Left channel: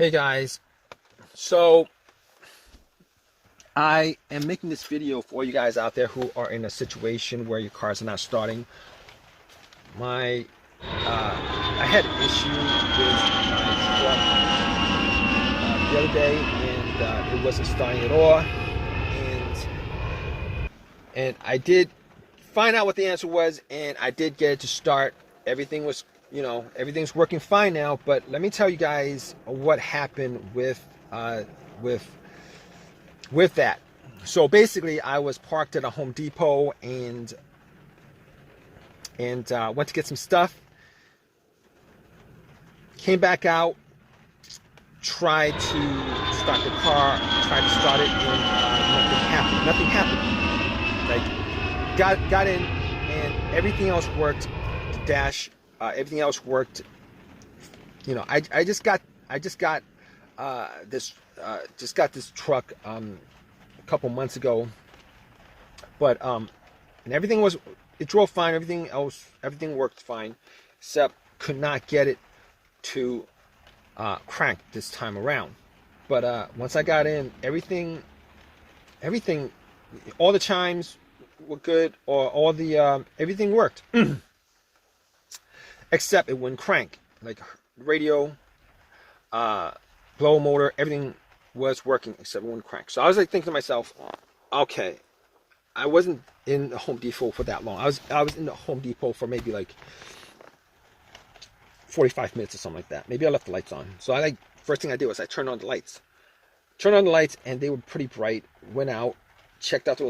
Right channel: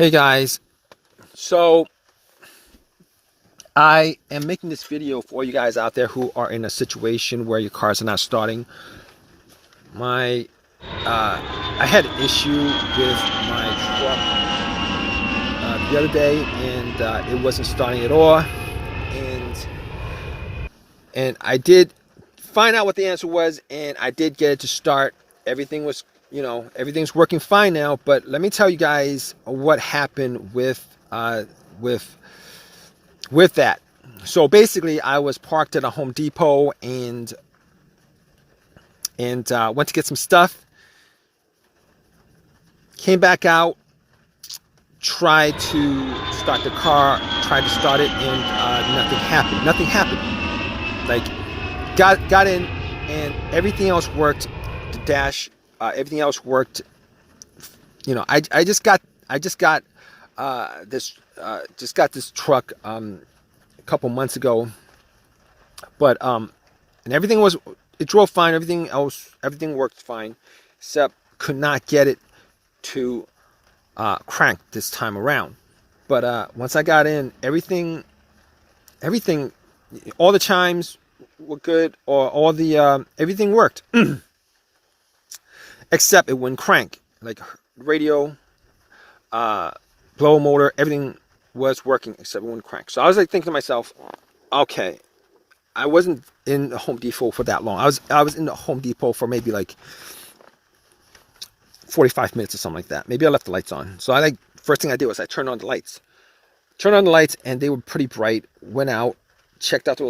Hey guys, so I am making this video for you guys out there who are in a situation where your cars are not starting. My I had an issue with my truck the other day, and it wasn't starting at all. And I did find out what the answer was, and I did get it to start. Everything was, everything's working fine now. But let me tell you guys what happened with with that. So basically, I was parked at a Home Depot and went to get some stuff. Came back out, tried to start the car, tried to start it, and nothing happened. Nothing happened. Like got in, and everything else worked. The dash, everything else worked. I just got this truck a couple months ago, but and it drove fine. Everything worked fine, except could not get it to crank this time around. But once I got in, everything, all the chimes were good, or all the everything worked, except it wouldn't crank. Like radio, blow motor, everything was working except it wouldn't crank. So I was like thinking to myself, okay, I wasn't in the Home Depot for that long. I was in the Home Depot for maybe like 45 minutes or something like that. Maybe I left the lights on. So first thing I did was I turned on the lights. And they were pretty bright. Went out, checked out the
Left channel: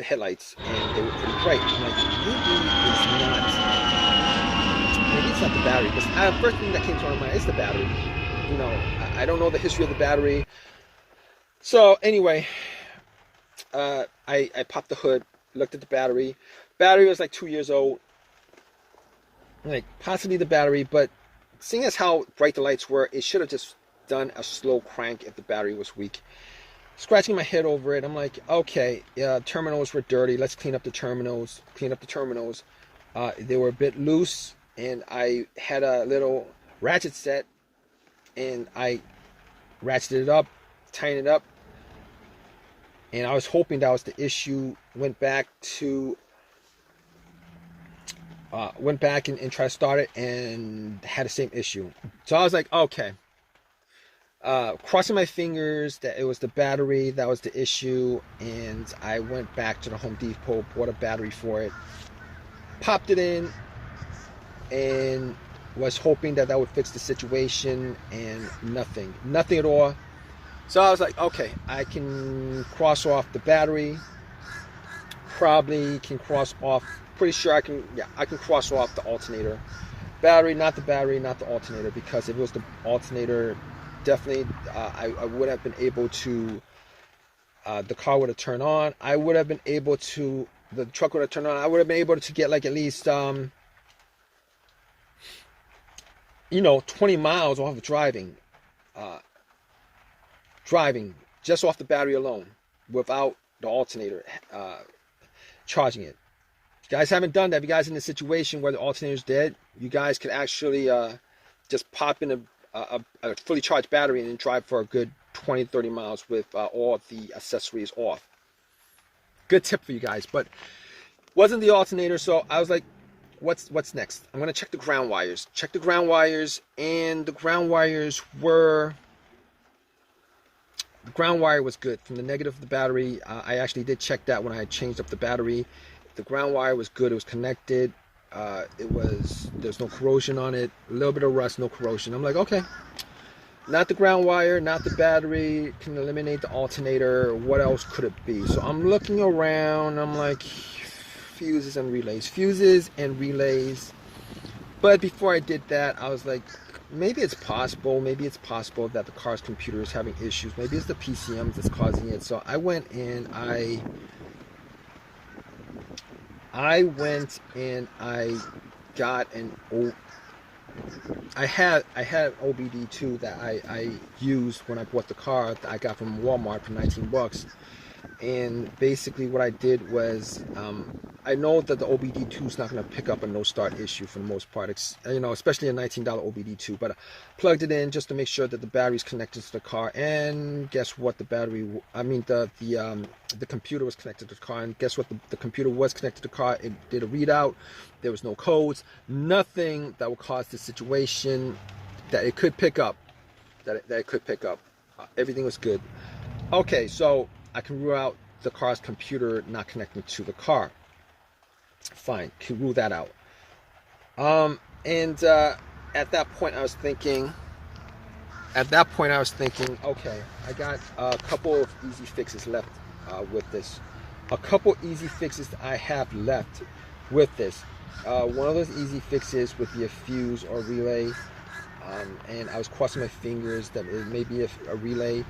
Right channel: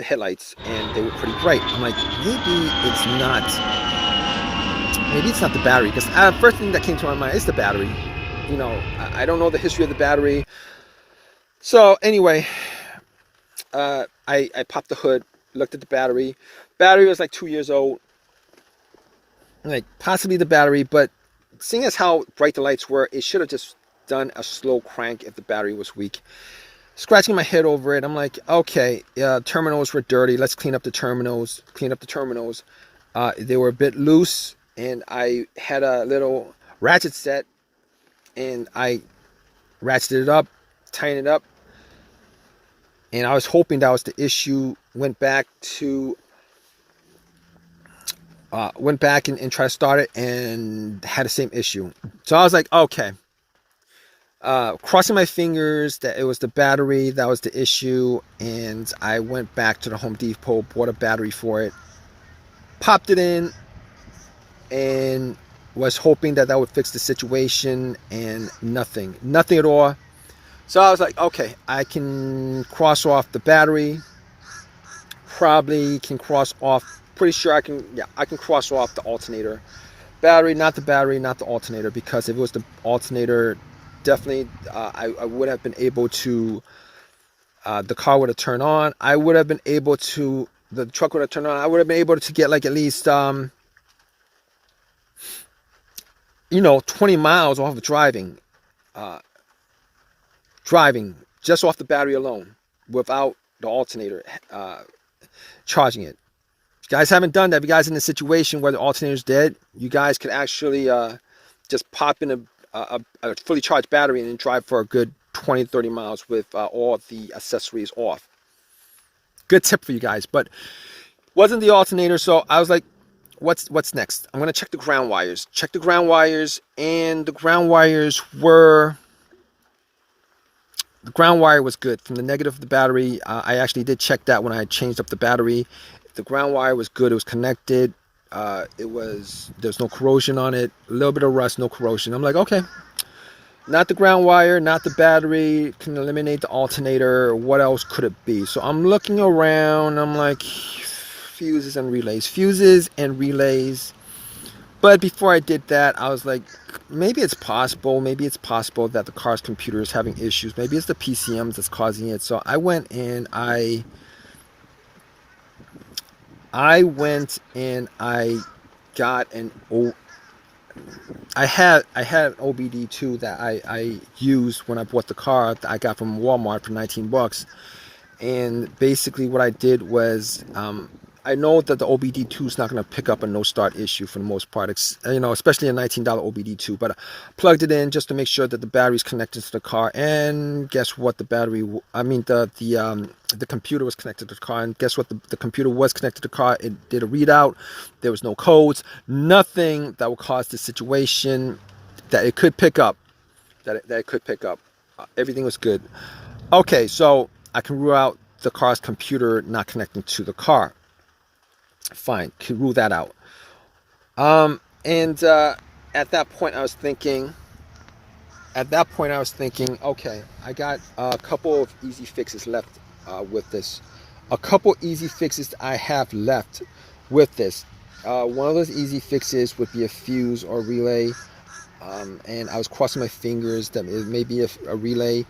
headlights, and they were pretty bright. I'm like, maybe it's not the battery. Because first thing that came to my mind is the battery. I don't know the history of the battery. So anyway, I popped the hood, looked at the battery. Battery was like 2 years old. Like possibly the battery, but seeing as how bright the lights were, it should have just done a slow crank if the battery was weak. Scratching my head over it, I'm like, okay, terminals were dirty. Let's clean up the terminals. They were a bit loose, and I had a little ratchet set, and I ratcheted it up, tightened it up, and I was hoping that was the issue. Went back and tried to start it, and had the same issue. So I was like, okay. Crossing my fingers that it was the battery that was the issue, and I went back to the Home Depot, bought a battery for it, popped it in, and was hoping that would fix the situation, and nothing at all. So I was like, okay, I can cross off the battery, probably can cross off, pretty sure I can cross off the alternator. Battery, not the alternator, because if it was the alternator, definitely I would have been able to, the car would have turned on. The truck would have turned on. I would have been able to get like at least 20 miles off of driving just off the battery alone, without the alternator charging it. If you guys haven't done that, if you guys are in a situation where the alternator's dead, you guys could actually just pop in a fully charged battery and drive for a good 20-30 miles with all the accessories off. Good tip for you guys. But wasn't the alternator, so I was like, what's next? I'm gonna check the ground wires. And the ground wire was good from the negative of the battery. I actually did check that when I changed up the battery. The ground wire was good. It was connected. There's no corrosion on it. A little bit of rust, no corrosion. I'm like, okay, not the ground wire, not the battery, can eliminate the alternator. What else could it be? So I'm looking around. I'm like, fuses and relays. But before I did that, I was like, maybe it's possible that the car's computer is having issues. Maybe it's the PCMs that's causing it. So I went and I got I had an OBD2 that I used when I bought the car that I got from Walmart for $19. And basically what I did was I know that the OBD2 is not going to pick up a no start issue for the most part, especially a $19 OBD2. But I plugged it in just to make sure that the battery's connected to the car. And guess what? The computer was connected to the car. And guess what? The computer was connected to the car. It did a readout. There was no codes, nothing that would cause this situation that it could pick up. That it could pick up. Everything was good. Okay, so I can rule out the car's computer not connecting to the car. Fine, can rule that out. At that point I was thinking, okay, I got a couple of easy fixes left with this. A couple easy fixes I have left with this. One of those easy fixes would be a fuse or relay. And I was crossing my fingers that it may be a relay.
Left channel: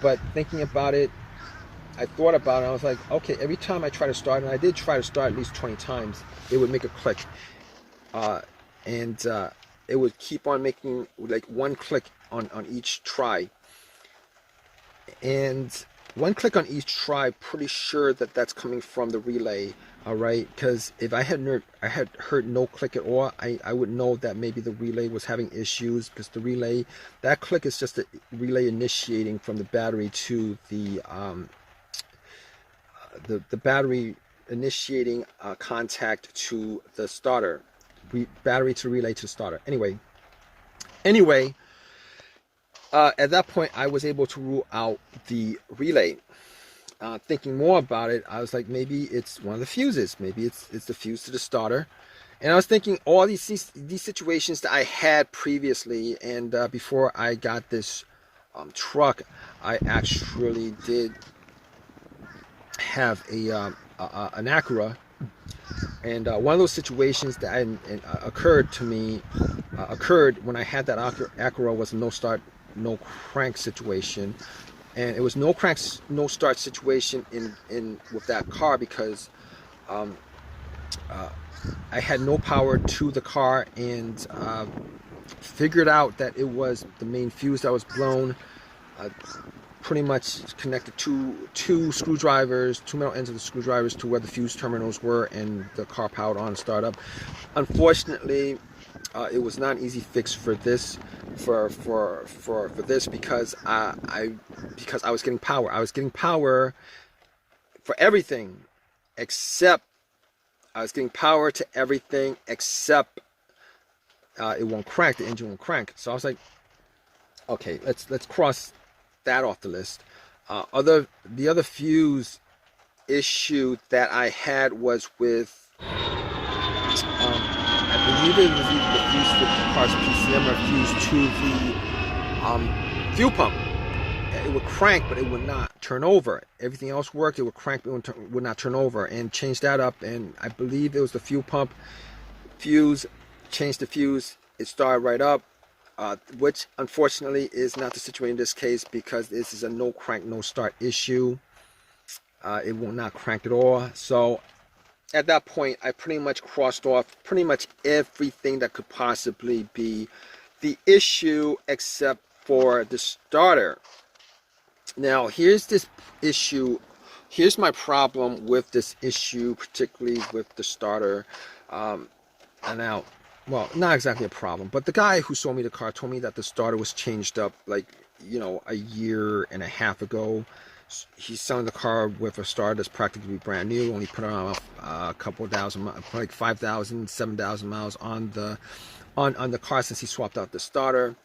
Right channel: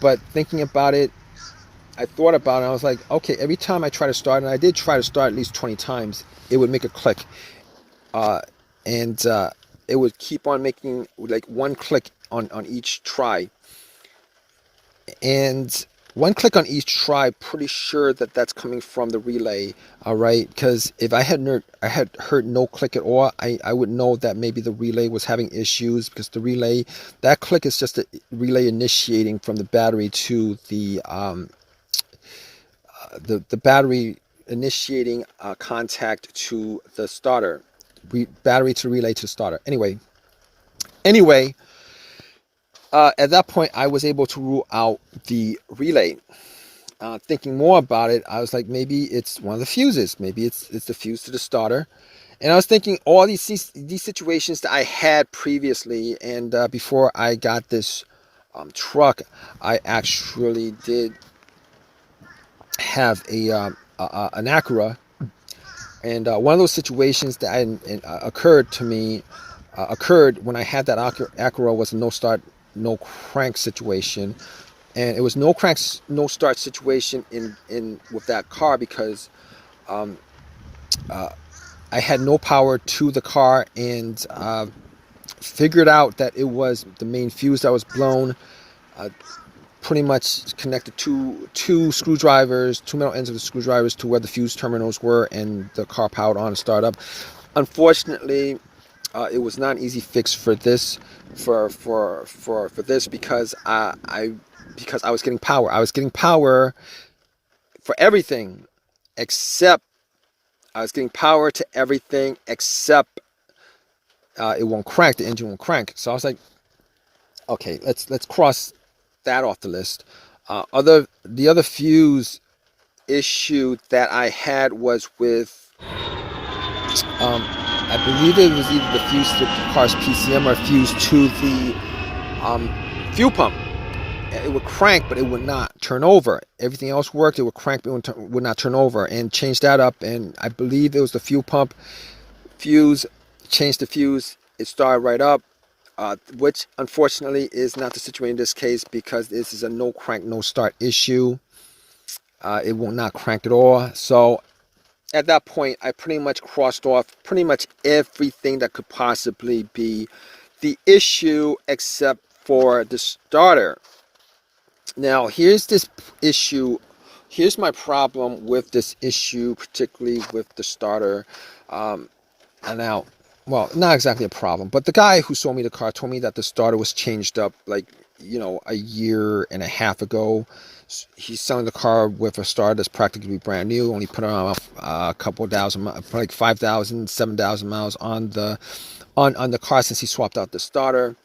But thinking about it, I thought about it. I was like, okay, every time I try to start, and I did try to start at least 20 times, it would make a click. It would keep on making like one click on each try. And one click on each try, pretty sure that that's coming from the relay. All right, because if I had heard no click at all, I would know that maybe the relay was having issues, because the relay, that click is just a relay initiating from the battery to the battery initiating contact to the starter, battery to relay to starter. Anyway, at that point I was able to rule out the relay. Thinking more about it, I was like, maybe it's one of the fuses. Maybe it's the fuse to the starter. And I was thinking all these situations that I had previously, and before I got this truck, I actually did have an Acura, and one of those situations that occurred when I had that Acura was a no start, no crank situation. And it was no crank, no start situation in with that car, because I had no power to the car, and figured out that it was the main fuse that was blown. Pretty much connected two screwdrivers, two metal ends of the screwdrivers to where the fuse terminals were, and the car powered on and started up. Unfortunately, it was not an easy fix for this, because I was getting power. I was getting power for everything except it won't crank. The engine won't crank. So I was like, okay, let's cross that off the list. The other fuse issue that I had was with I believe it was either the fuse to the car's PCM or fuse to the fuel pump. It would crank, but it would not turn over. Everything else worked. It would crank, but it would not turn over. And changed that up, and I believe it was the fuel pump fuse. Changed the fuse. It started right up, which unfortunately is not the situation in this case, because this is a no crank, no start issue. It will not crank at all. So at that point, I pretty much crossed off pretty much everything that could possibly be the issue except for the starter. Now, here's this issue. Here's my problem with this issue, particularly with the starter. Now, well, not exactly a problem, but the guy who sold me the car told me that the starter was changed up like, a year and a half ago. He's selling the car with a starter that's practically brand new. Only put on a couple thousand, like 5,000, 7,000 miles on the car since he swapped out the starter.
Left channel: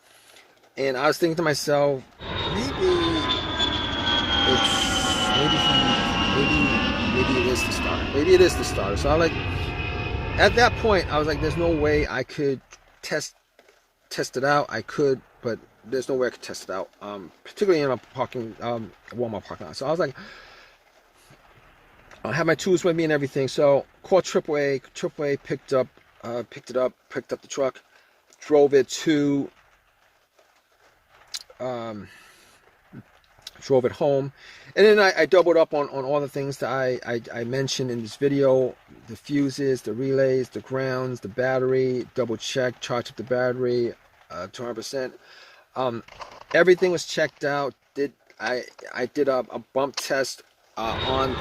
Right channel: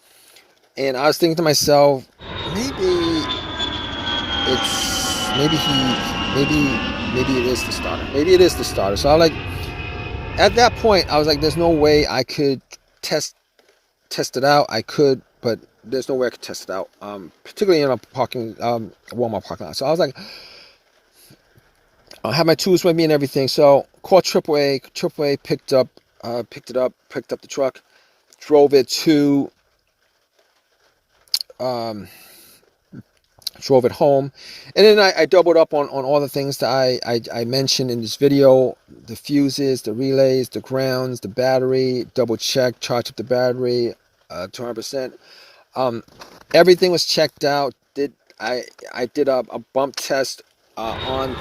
And I was thinking to myself, maybe it is the starter. Maybe it is the starter. So I was like, at that point, I was like, there's no way I could test it out. I could, but there's no way I could test it out, particularly in a Walmart parking lot. So I was like, I had my tools with me and everything. So called AAA. AAA picked up the truck, drove it home, and then I doubled up on all the things that I mentioned in this video: the fuses, the relays, the grounds, the battery. Double check, charged up the battery 200%. Everything was checked out. I did a bump test on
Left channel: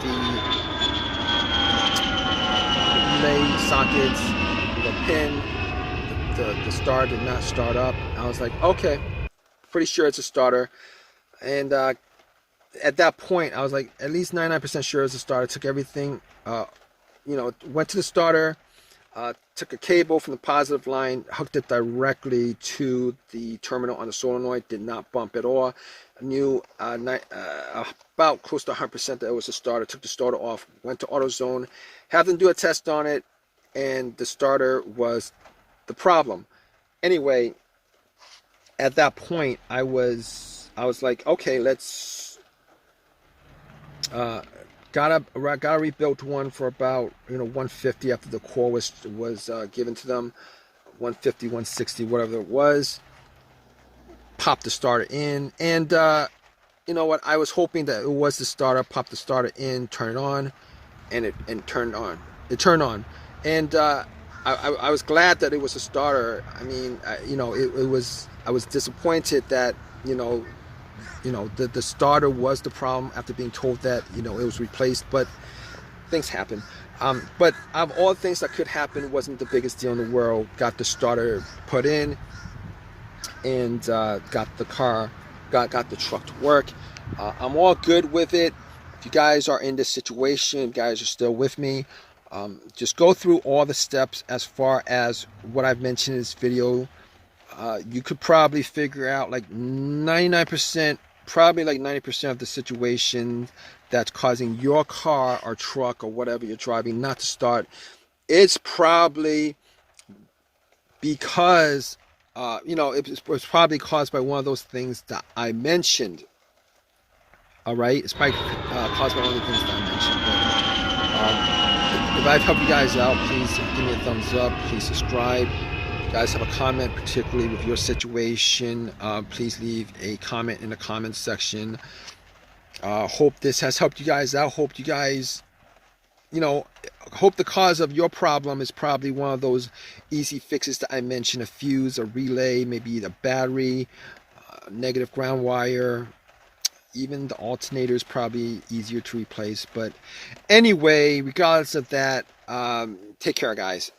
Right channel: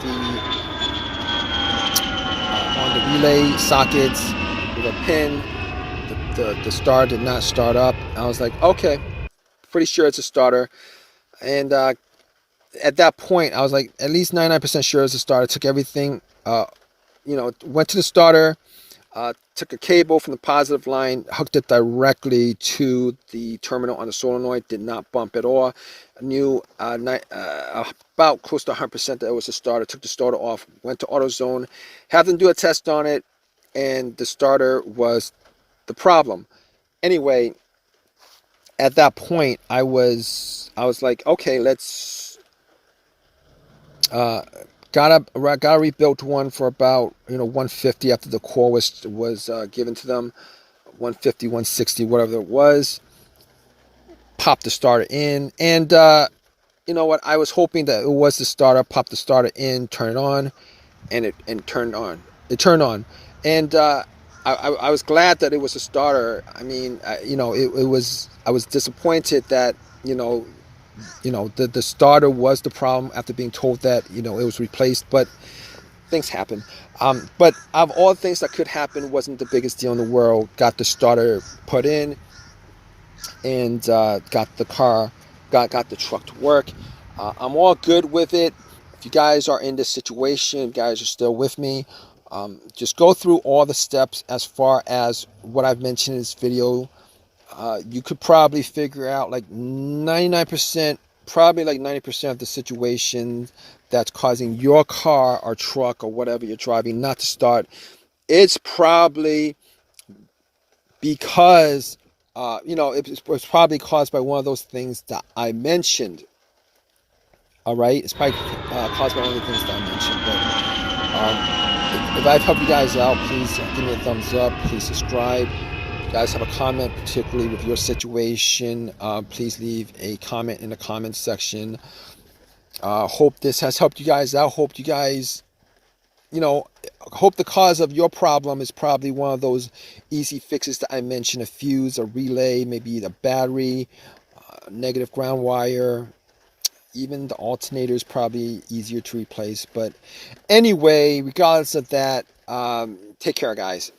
relay sockets with a pin. The starter did not start up. I was like, okay, pretty sure it's a starter. And at that point, I was like, at least 99% sure it's a starter. Took everything, went to the starter, took a cable from the positive line, hooked it directly to the terminal on the solenoid, did not bump at all. I knew about close to 100% that it was a starter. Took the starter off, went to AutoZone, had them do a test on it, and the starter was the problem. Anyway, at that point, I was like, okay, let's got a rebuilt one for about $150 after the core was given to them, $150, $160, whatever it was. Popped the starter in, and you know what? I was hoping that it was the starter. Popped the starter in, turn it on, and it turned on. It turned on, and I was glad that it was a starter. I mean, it was. I was disappointed that the starter was the problem after being told that it was replaced, but things happen. But of all things that could happen, wasn't the biggest deal in the world. Got the starter put in, and got the truck to work. I'm all good with it. If you guys are in this situation, you guys are still with me, just go through all the steps as far as what I've mentioned in this video. You could probably figure out like 99%, probably like 90% of the situation that's causing your car or truck or whatever you're driving not to start. It's probably because, it's probably caused by one of those things that I mentioned. All right, it's probably caused by one of the things that I mentioned. But if I've helped you guys out, please give me a thumbs up. Please subscribe. If you guys have a comment, particularly with your situation, please leave a comment in the comments section. Hope this has helped you guys out. Hope you guys, hope the cause of your problem is probably one of those easy fixes that I mentioned: a fuse, a relay, maybe the battery, negative ground wire. Even the alternator is probably easier to replace. But anyway, regardless of that, take care, guys.